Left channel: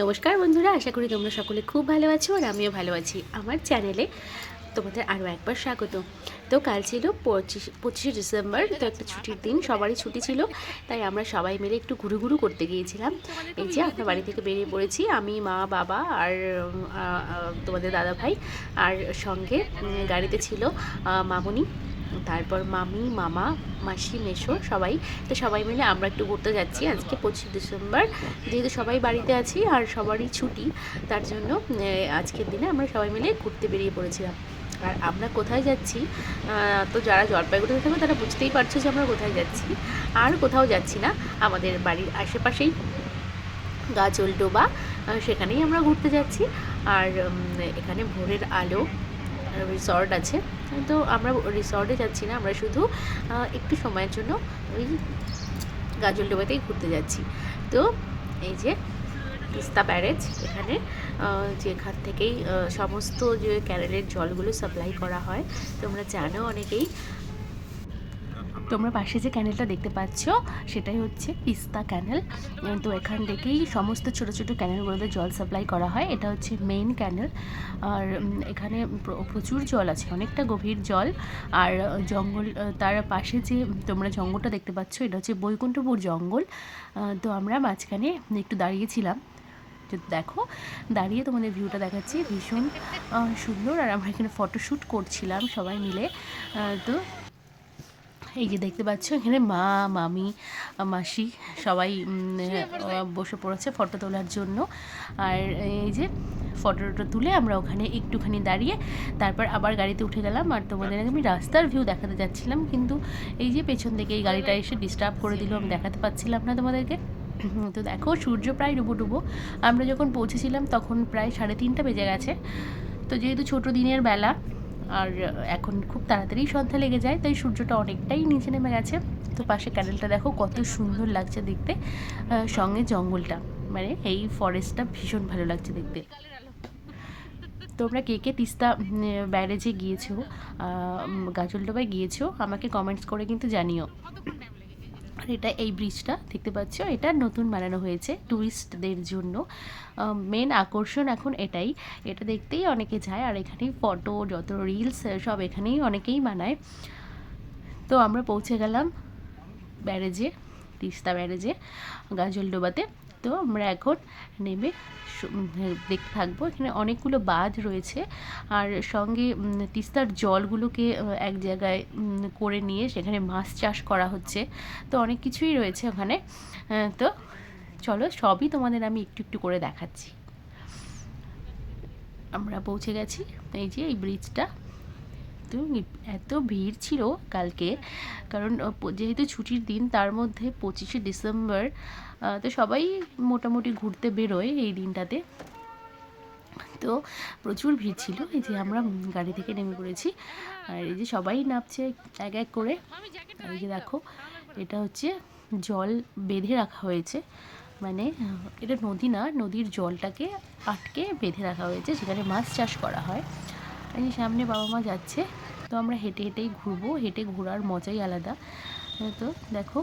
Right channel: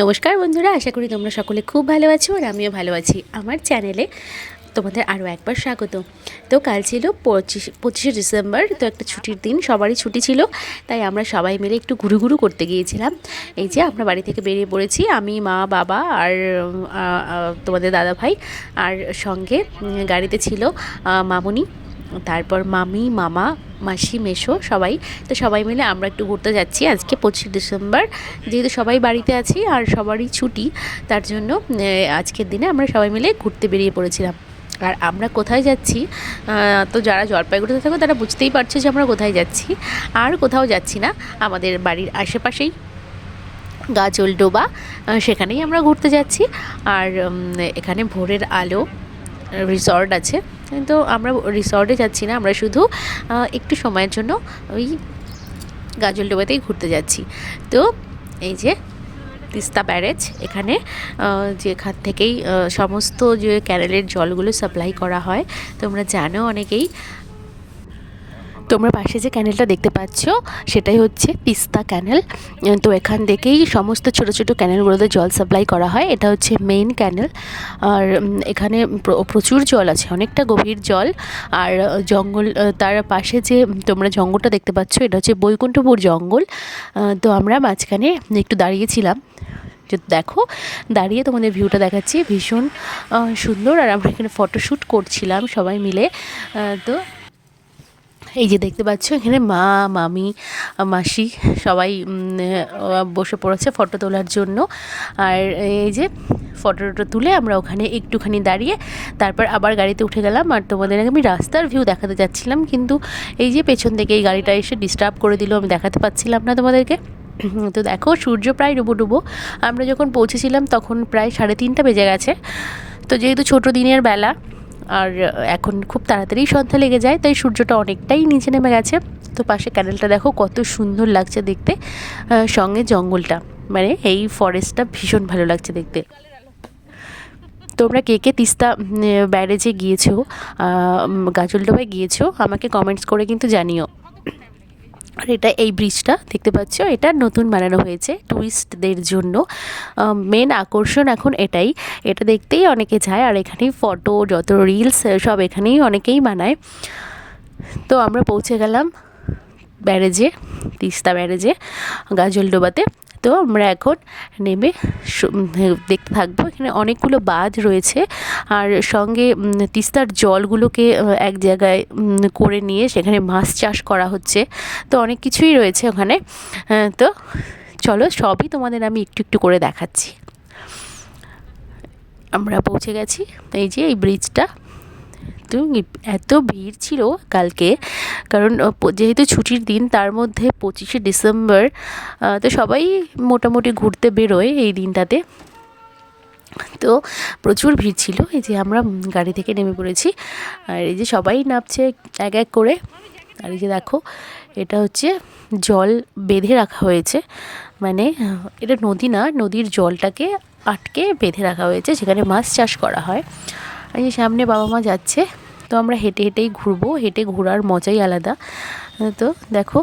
নমস্কার বন্ধুরা, আশা করি তোমরা সকলে খুব ভালো আছো আর আমিও ভালো আছি। আমার চ্যানেলে তোমাদের আরও একবার স্বাগত। তো কাল ছিল 25শে ডিসেম্বর, তো একটা ছুটির দিন, সবারই ছুটি ছিল, তাই আমরা সবাই মিলে একটু ঘুরু করতে গিয়েছিলাম। এই যে আমরা বাড়ি থেকে বেরিয়ে পড়েছি, আমি, মা, বাবা আর তোমাদের দাদা ভাই, আর সঙ্গে গাড়িতে ছিল মামুনি, তারপর মামি, মামা, মাসি, মেসো সবাই। তো সবাই মিলে আমরা একটু ঘুরতে যাচ্ছি আজকে 25শে ডিসেম্বর, যেহেতু সবাই বাড়িতে আছি আর সবারই ছুটি, তার জন্য আজকের দিনে আমরা সবাই মিলে ঘুরতে বেরিয়ে পড়েছিলাম। আর আমরা কোথায় যাচ্ছি, তো যারা জলপাইগুড়িতে থাকো তারা বুঝতেই পারছো যে আমরা কোথায় যাচ্ছি। আর কোথাও যাচ্ছি না, আমাদের বাড়ির আশেপাশেই গাজলডোবা, সেখানেই আমরা ঘুরতে যাচ্ছি। আর এখানে ভোরের আলো রিসর্ট আছে, তো আমরা রিসর্টে যাচ্ছি না, আমরা শুধু একটু সময়ের জন্য ওই গাজলডোবাতেই ঘুরতে যাচ্ছি। তো এই যে তিস্তা ব্যারেজ, এখানে যেখান থেকেই সমস্ত যে ক্যানেলের জলগুলো সাপ্লাই করা হয়, তোমরা জানো অনেকেই। তোমরা পাশে যে ক্যানেলটা দেখতে পাচ্ছ সেটাই হচ্ছে তিস্তা ক্যানেল। তো এখান থেকেই সমস্ত ছোট ছোট ক্যানেলগুলোতে জল সাপ্লাই করা হয়। এটা হচ্ছে মেইন ক্যানেল। আর এখানে প্রচুর জল আছে, অনেকটা গভীর জল। আর জঙ্গল, তার পাশে যে তোমরা জঙ্গলটা দেখতে পাচ্ছ এটা হচ্ছে বৈকুণ্ঠপুর জঙ্গল। তো আমরা মাঝখানে একটু দাঁড়িয়েছিলাম, যে দেখো দাঁড়িয়ে তোমাদের ভিউটা দেখাচ্ছি, ভীষণ সুন্দর। আর আমরা এখানে ফটোশ্যুট করছিলাম সবাই মিলে। তো এই যে দেখতে পাচ্ছ এখানে মা, মামি, মাসি সবাই বসে পড়েছে ফটো তোলার জন্য। আর এই যে ফটোটা তুলে আমরা ওখানে একটুখানি দাঁড়িয়ে তারপর আবার গাড়িতে উঠে গেলাম। আর তোমাদের আমি রাস্তার ভিউ দেখাতে যাচ্ছিলাম, কিন্তু এই যে পেছন থেকে এই গাড়িটা এসে ডিস্টার্ব করে দিল, আমি দেখাতে পাচ্ছিলাম না তোমাদেরকে। তো দেখো সূর্য প্রায় ডুবো, আমরা যখন পৌঁছেছিলাম তখন প্রায় 3:30 বেজে গেছে। তো যেহেতু ছোটো দিনের বেলা আর এখন খুব তাড়াতাড়ি সন্ধ্যা লেগে যায়, তাই সূর্যটা অনেকটাই নিচে নেমে গেছে। তো পাশে ক্যানেলটা দেখো কত সুন্দর লাগছে দেখতে, সঙ্গে জঙ্গলটা, মানে এই ফরেস্টটা ভীষণ ভালো লাগছে দেখতে। তোমরা কে কে তিস্তা ব্যারেজে গিয়েছো, গাজলডোবায় গিয়েছো, আমাকে কমেন্টস করে কিন্তু জানিও। আর এটা এই ব্রিজটা দেখতে পাচ্ছ, এটা নতুন বানানো হয়েছে ট্যুরিস্টদের জন্য। মেন আকর্ষণ এখন এটাই, এটা দেখতেই অনেকে যায়। আর এখানেই ফটো, যত রিলস সব এখানেই অনেকেই বানায়। তো আমরা পৌঁছে গেলাম ব্যারেজে, তিস্তা ব্যারেজে, গাজলডোবাতে। তো আমরা এখন নেমে দেখতে থাকবো। এখানে অনেকগুলো বাঁধ রয়েছে, আর সঙ্গে তিস্তার জলগুলোকে এক জায়গায় করে নিয়ে সেখানে মাছ চাষ করা হচ্ছে। তো অনেক কিছুই রয়েছে ওখানে। তো চলো সবই তোমাদের আমি একটু একটু করে দেখাচ্ছি। আমরা পৌঁছে গেছি, এই যে এই ব্রিজটা। তো এত ভিড় ছিল কালকে, কারণ যেহেতু ছুটির দিন, তার মধ্যে 25শে ডিসেম্বর, তো সবাই মোটামুটি ঘুরতে বেরোয় এই দিনটাতে। তো প্রচুর ভিড় ছিল। এই যে আমরা গাড়ি থেকে নেমে পড়েছি, আর এই যে সবাই নামছে এক এক করে। আর এই যে দেখো এটা হচ্ছে জল বেঁধে রাখা হয়েছে, মানে এটা নদী না, নদীর জলটাকে আটকে বেঁধে রাখা হয়েছে, যেখানে মাছ চাষ করা হয়। আর এই সামনে বাবা মা যাচ্ছে, তো আমরা হেঁটে হেঁটেই ঘুরবো, হেঁটে ঘোরার মজাই আলাদা। তো দেখো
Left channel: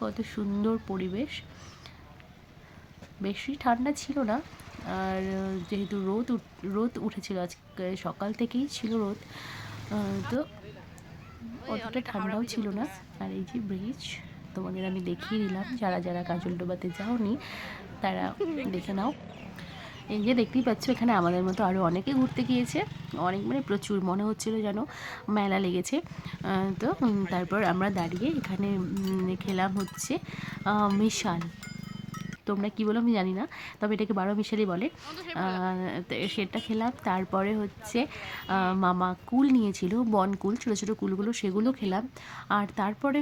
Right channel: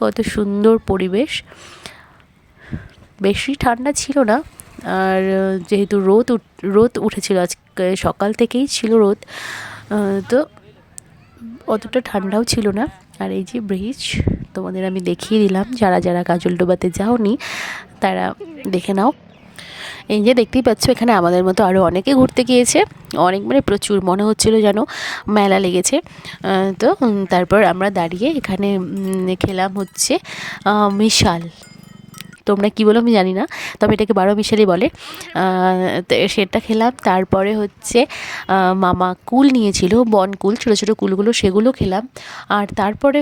কত সুন্দর পরিবেশ, বেশি ঠান্ডা ছিল না। আর যেহেতু রোদ উঠেছিল আজকে, সকাল থেকেই ছিল রোদ, তো অতটা ঠান্ডাও ছিল না। আর এই যে ব্রিজ তোমাদের আমি দেখিয়ে দিলাম, যারা যারা গাজলডোবাতে যাওনি তারা দেখে নাও। এই যে দেখতেই পাচ্ছ এখানে আমাদের মতো আরও অনেকে ঘুরতে গিয়েছে, অনেক মানে প্রচুর, মনে হচ্ছিল যেন মেলা লেগেছে। তো তারপর আমরা দাঁড়িয়ে এখানে খেলাম হচ্ছে মিশাল, তোমরা কী বলো আমি জানি না, তবে এটাকে 12 মিশালি বলে। তো সেটা খেলাম। তারপরে হচ্ছে মামা কুল নিয়েছিল, বন কুল, ছোটো ছোটো কুলগুলো, সেগুলো খেলাম। আর তারপরে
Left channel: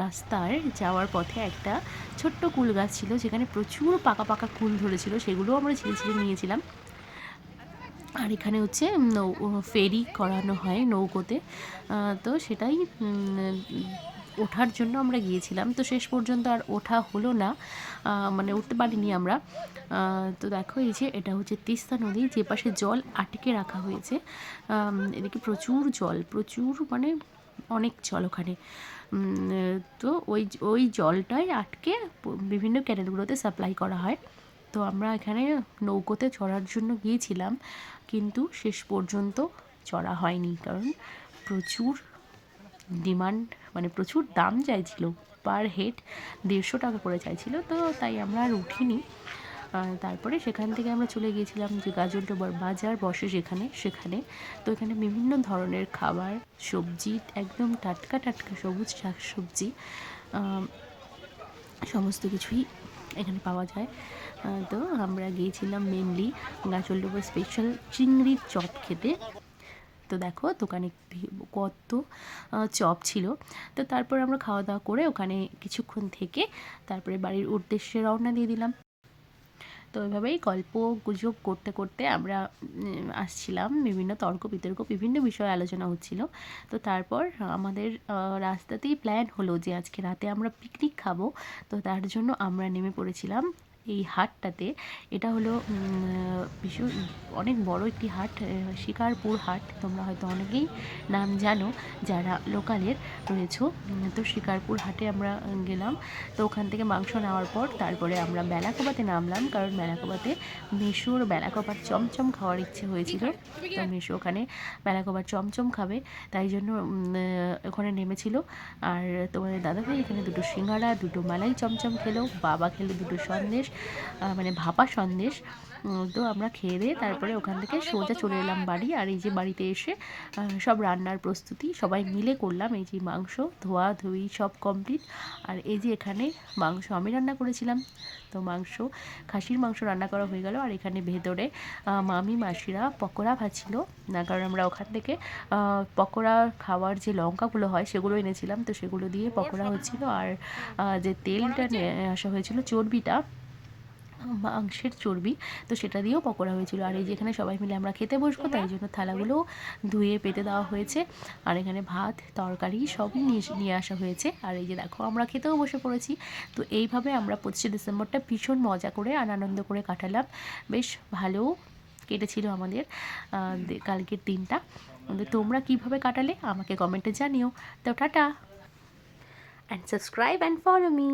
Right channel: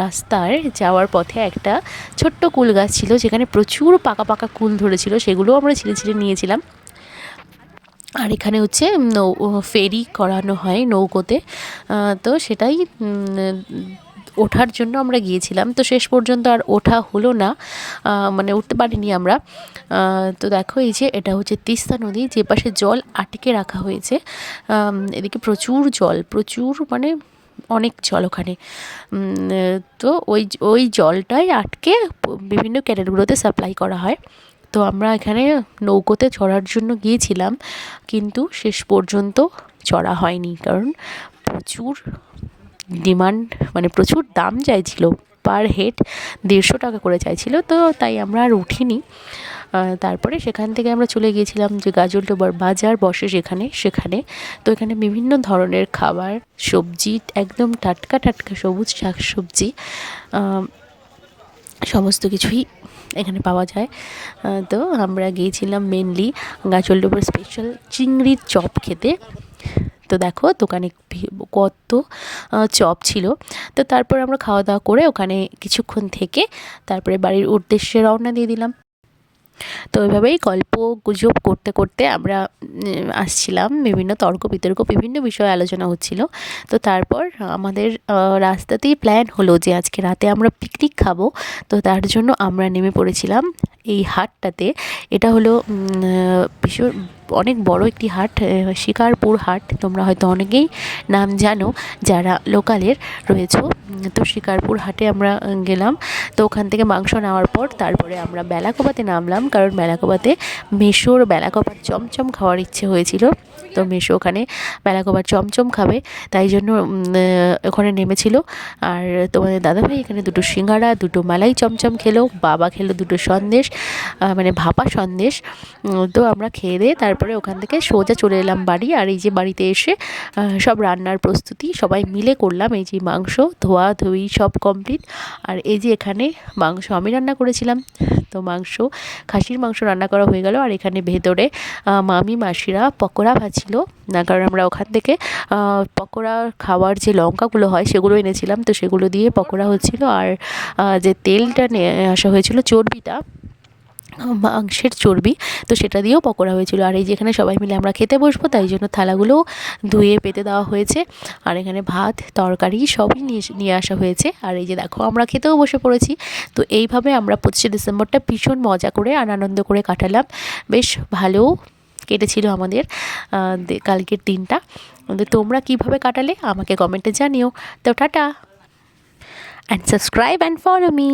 রাস্তার যাওয়ার পথে একটা ছোট্ট কুল গাছ ছিল, যেখানে প্রচুর পাকা পাকা কুল ধরেছিল, সেগুলোও আমরা ছিঁড়ে ছিঁড়ে নিয়েছিলাম। আর এখানে হচ্ছে ফেরি করানো হয় নৌকোতে, তো সেটাই ওঠার জন্য আমরা গিয়েছিলাম। তো শেষ পর্যন্ত আর ওঠা হলো না, মানে উঠতে পারিনি আমরা। তো দেখো এই যে এটা হচ্ছে তিস্তা নদী, যে পাশে জল আটকে রাখা হয়েছে, এদিকে প্রচুর জল, প্রচুর মানে অনেক জল ওখানে। তো ওই জলটাই আটকে বিভিন্ন ক্যানেলগুলোতে সাপ্লাই করা হয়। তো আমরা এখানে নৌকোতে চড়ার জন্য গিয়েছিলাম, কিন্তু শেষ পর্যন্ত চড়া হয়নি, কারণ প্রচুর ডিমান্ড, মানে প্রচুর দাম চাইছিল, পার হেড 150 টাকা করে চাইছিল, তো তাই আমরা আর উঠিনি। তারপরে সেখান থেকে আমরা চলে গিয়েছিলাম যে গাজলডোবার বাজার বসে সেখানে। তো এখানে বিভিন্ন ধরনের খাবার, সবজি, একদম টাটকা টাটকা সবুজ শাক সবজি সমস্ত কিছুই এখানে পাওয়া যায়। তো আমরা গিয়েছিলাম মেনলি গাজলডোবার স্পেশাল চিংড়ির চপ খেতে। তো দেখো দোকানে কত চপ ছিল। তো তারপর আমরা খাওয়া দাওয়া করে ওখানে কিছুক্ষণ থেকে তারপরে বাড়ির উদ্দেশ্যে রওনা দিয়ে দিলাম। তো ওইভাবেই গল্প গুজব করতে করতে আমরা আসছিলাম, বিভিন্ন তর্ক বিতর্ক বিভিন্ন বিষয়ে আলোচনা হচ্ছিল। তো তারপর আমাদের রাস্তাতেই প্ল্যান হলো যে আজকে রাতে আমরা পিকনিক খাবো। তো তার জন্য আমরা নেমে পড়েছিলাম এই হাটটাতে। এটা হলো ভীষণ অনেক বড় একটি হাট, শিকারপুর হাট। তোমরা হয়তো অনেকেই নাম জানো যারা লোকালের রয়েছো। তো শিকারপুর হাটে আমরা গেলাম। তো ওখান থেকে মাংস নেওয়ার পর তারপরে আমরা বেলাকোবাতে নামলাম, কারণ বেলাকোবাতে মেশোর বেলাকোবার চমচম খাওয়ার ইচ্ছে হয়েছিল। তো মেশো ওখানে বেলাকোবার চমচম খাবে, তাই জন্য ওখানে নেমেছিল। আর তোমাদের দাদাভাই এখানে 2টো সিঙ্গাড়া 2টো মালাই চমচম খেলো, বাবা খেলো 2টো সন্দেশ, মানে ভাপা সন্দেশ। তো আমরা খেয়ে দিয়ে তারপরে ওখান থেকে সোজা চলে এলাম বাড়ি। আর এই যে বাড়িতে এসে সব রান্নার প্রস্তুতি সবাই মিলে করলাম। এই যে মাংস ধোয়া ধুই সব কমপ্লিট। আর এই যে এখানে মাংস আমি রান্না করেছিলাম, তো খাসির মাংস রান্না করা হয়ে গেল। আর এখানে ভেতরে মামি মাসিরা পকোড়া ভাজছিল, না কারণ আমরা ওখান থেকে পকোড়া খাওয়ার যে লঙ্কাগুলো হয় সেগুলো এনেছিলাম, তো সেগুলো দিয়ে পকোড়া হচ্ছিল। আর যে তেলটা নিয়ে আসা হয়েছিল, চর্বিটা, মাংসের চর্বি, তো সেটা দিয়েও পকোড়া হয়েছিল। আর এই যেখানে সবাই মিলে আমরা খেতে বসবো, তাই জন্য থালাগুলোও ধুয়ে পেতে দেওয়া হয়েছে। আর এখানে ভাত তরকারি সবই নিয়ে আসা হয়েছে। আর এই যে দেখো আমরা খেতেও বসে পড়েছি। তো এইভাবে আমরা 25শে ডিসেম্বরটা ভীষণ মজা করে আর আনন্দ করে কাটালাম। বেশ ভালো কেটেছিল আমাদের কালকের দিনটা। তোমরা কিভাবে কাটালে আমাকে কমেন্টে জানিও। তো tata, and subscribe and follow me.